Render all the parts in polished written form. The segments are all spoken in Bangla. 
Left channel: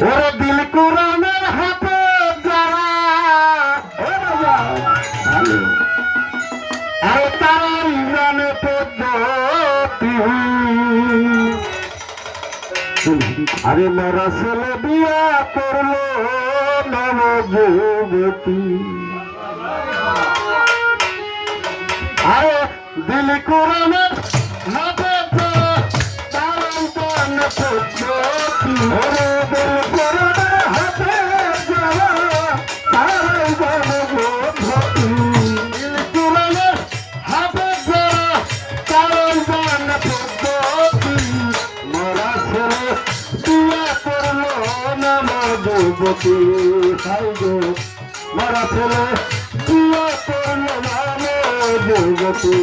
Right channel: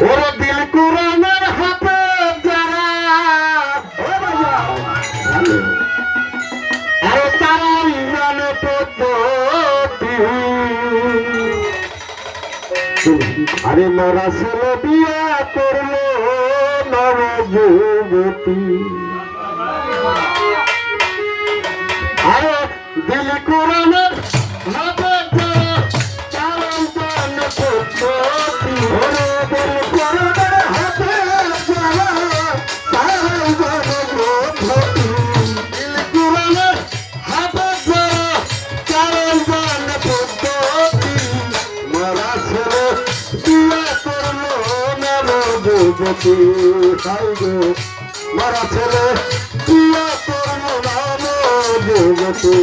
ওরে দিল কুরানের হাতে যারা আরে তারাই জানে পদ্ধতি আরে মোরা ছেলে বিয়া করলো নব যুবতী আরে দিল কুরানের হাতে যারা তারাই জানে পদ্ধতি ওরে দিল কুরানের হাতে যারা তারাই জানে পদ্ধতি দিল কুরানের হাতে যারা তারাই জানে পদ্ধতি মোরা ছেলে বিয়া করলো নব যুবতী হাই গো মোরা ছেলে বিয়া করলো নব যুবতী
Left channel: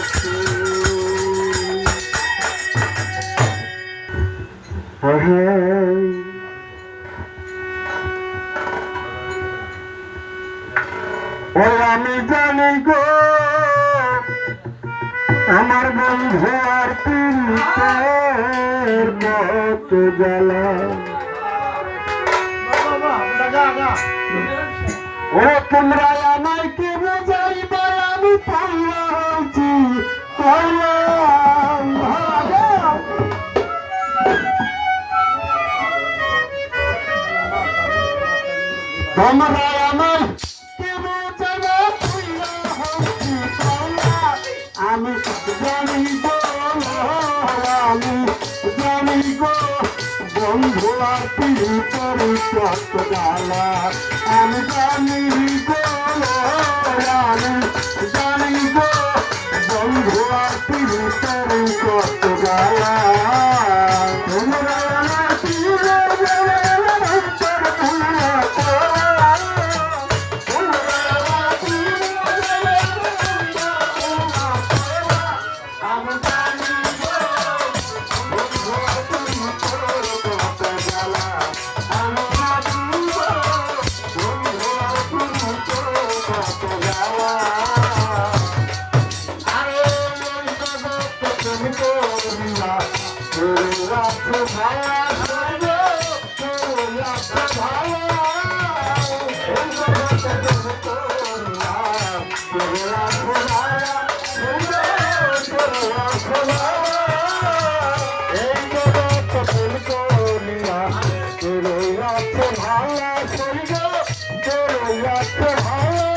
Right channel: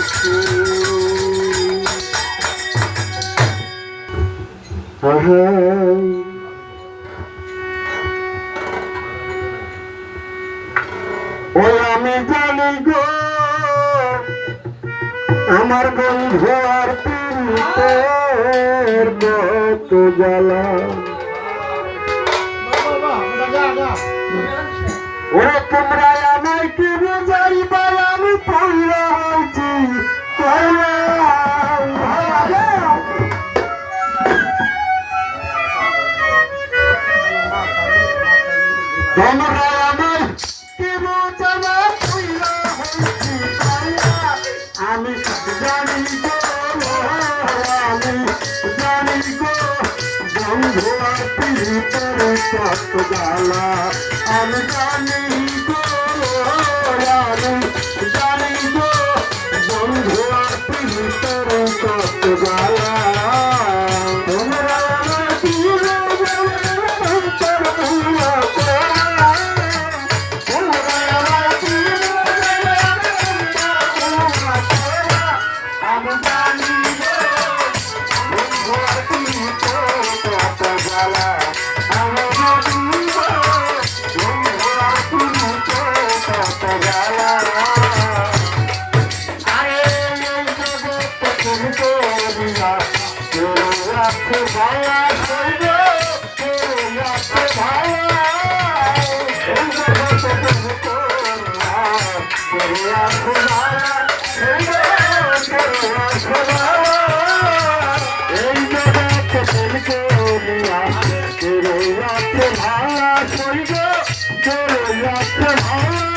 ও আমি জানি গো আমার বন্ধু আর পীড়িতের কত জ্বালা ওরে তোমরা আমায় কি বুঝাইবা আমি পাইয়া হইছি তোমরা আমায় কি বুঝাইবা পাইয়া হইছি আমি জানি গো আমি জানি গো বন্ধু আর পীড়িতের কত জ্বালা আমি জানি গো আমি জানি গো বন্ধু আর পীড়িতের কত জ্বালা তোমরা আমার পীড় বলে অন্তর ভুলা করা তোমরা আমার পীড় বলে অন্তর ভুলা করা আমি জানি গো বন্ধু আর পীড়িতের কত জ্বালা আমি জানি গো বন্ধু আর পীড়িতের কত জ্বালা আরে এই জগতে তুমি করিয়া কেউ আছে ভায়া সইবে কেউ আছে ভায়া এই জগতে তুমি করিয়া কেউ আছে ভায়া সইবে কেউ আছে ভায়া এই জগতে তুমি করিয়া কেউ আছে ভায়া সইবে কেউ আছে ভায়া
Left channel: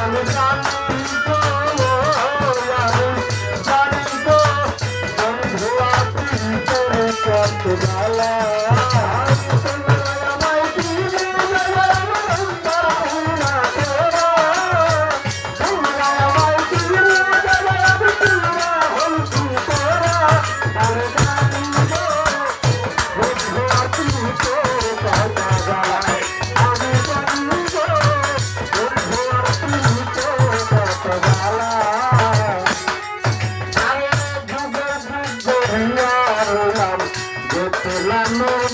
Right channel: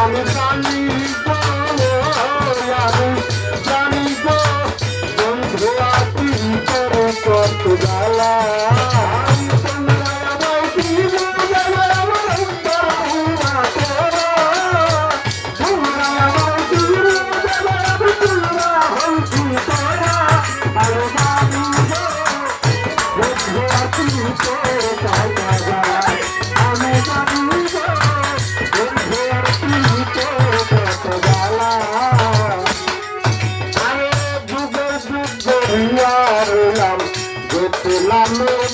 আমি জানি কত জ্বালা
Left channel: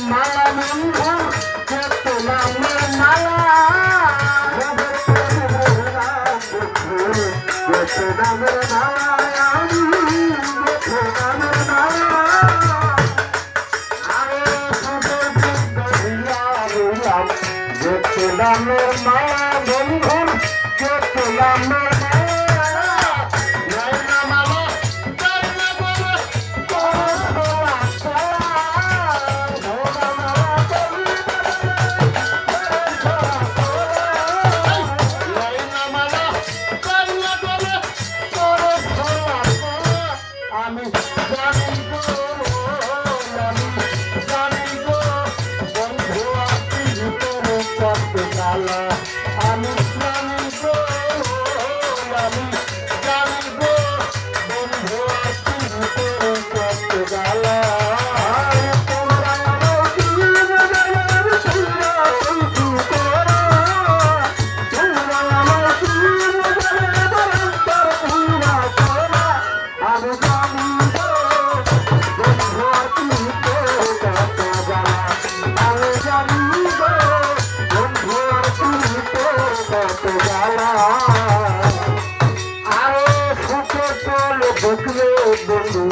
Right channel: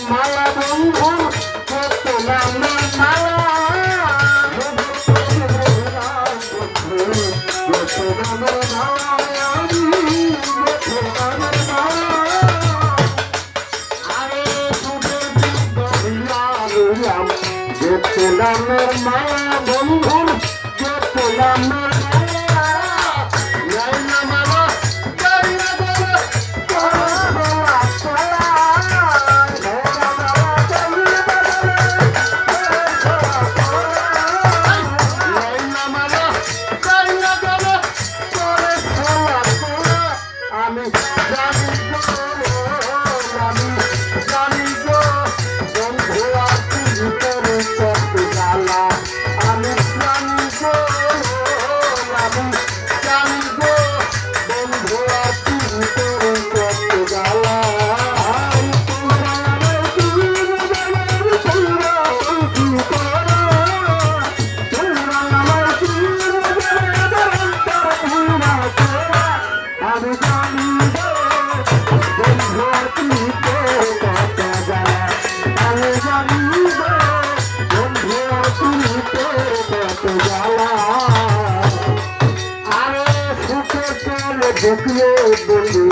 মালা বন্ধু মালা মালা বন্ধুর গোলামের দেখলে বন্ধু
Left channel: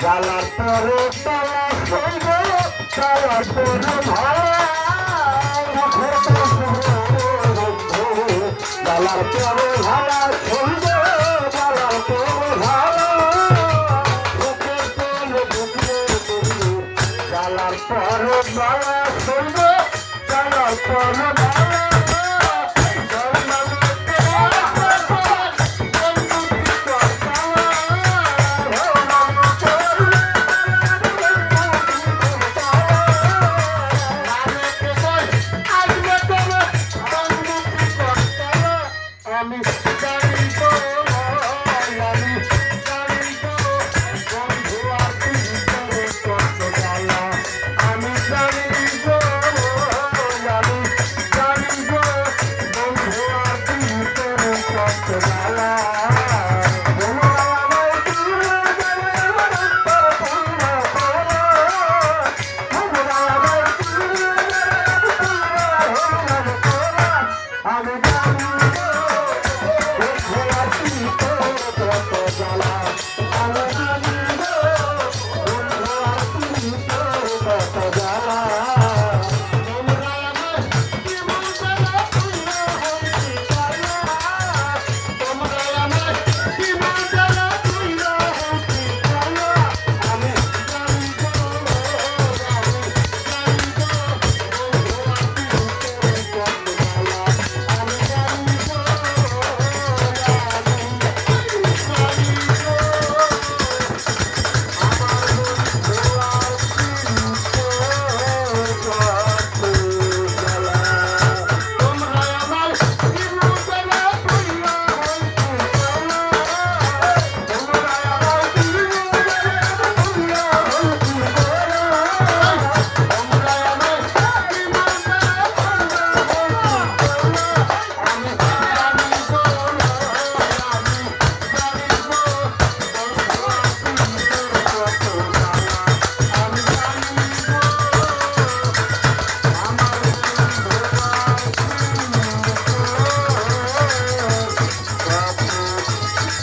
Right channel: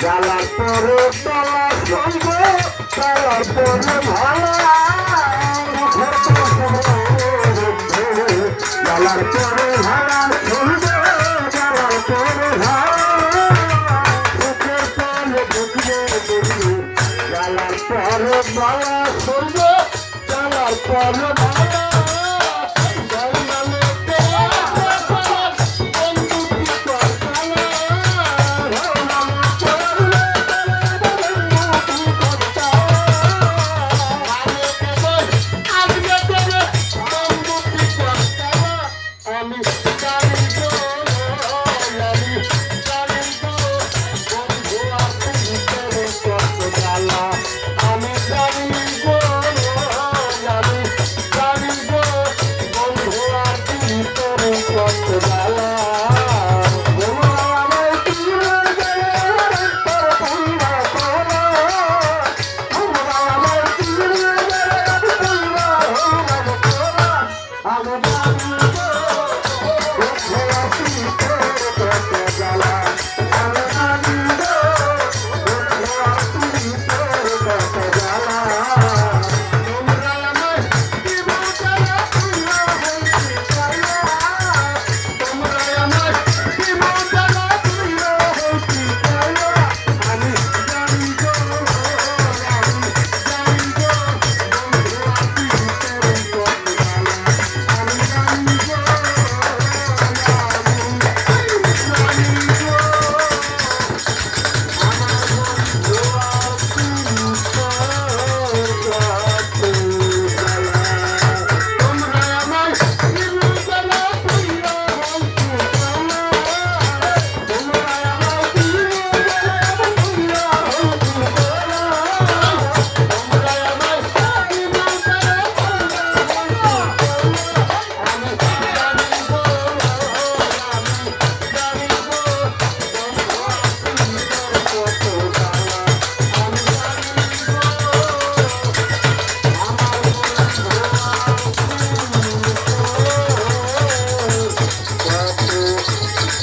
জ্বালার পরে তলা সঙ্গ জ্বালার পরে ভালা জ্বালার পরে ভালা সঙ্গ জ্বালার পরে ভালা সুখের তলে দেখলে বন্ধু জ্বালার পরে ভালা সঙ্গ জ্বালার পরে ভালা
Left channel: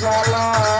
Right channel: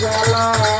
জ্বালা